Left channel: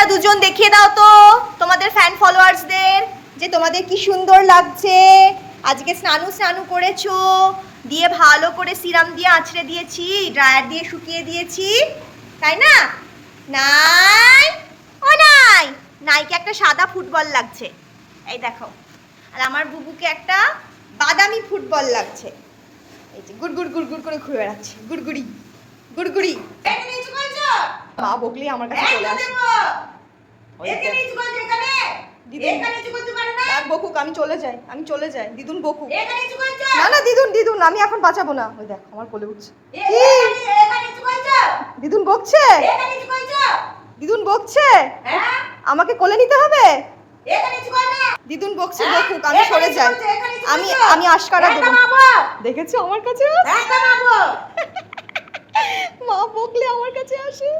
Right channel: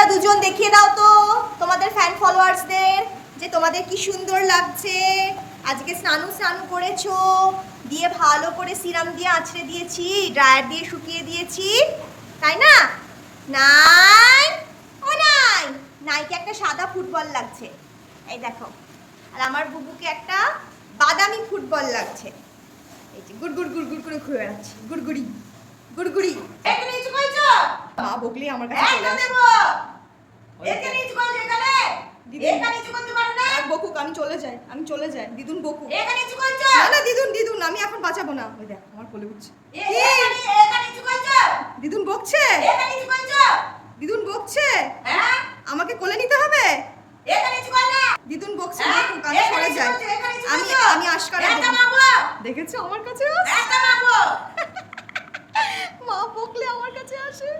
তোমরা দুজন দেখিয়ে দাও তো তোমাদের ফ্যান ফলোয়ার্সদের যে তোমাদের কি সুন্দর লাগছে। আজকে স্নানু স্নানু করেছ দিয়ে ভালো করে সিরাম দিয়ে আঁচড়ে দিয়েছি ড্রায়ার দিয়ে শুকিয়ে দিয়েছি তাই না? নাই? ও নাই! নাইকে একটা সাদা ফুটবল লাগছে। এই দেখো আর আমার বুবুকে একটা বাদামি ফুটবল লাগছে। এই যে গুড় গুড় গুড় গুড় করে ঘুরে বেড়াচ্ছে গুড়গুড়ি গুড়গুড়ি মা বকলি আমার কাছে চলে আসে। রাখ বকুক আমি চলে যাই আমি চলে যাই। দিদুন বকুক। না না দিদুন দিদুন আমি এখন বাঁচাবো না। ওই দেখ আমার কোলে উঠছে। কি? দিদুন বকছে? দিদুন বকছে? আমাকে কোলে নিতে হবে? দিদুন বকছে বকুক আমি সরে যাই। আমি আমি আশকারা দেবো। দেখেছ আমার কাছে? মা বকলে আমার কাছে আসে।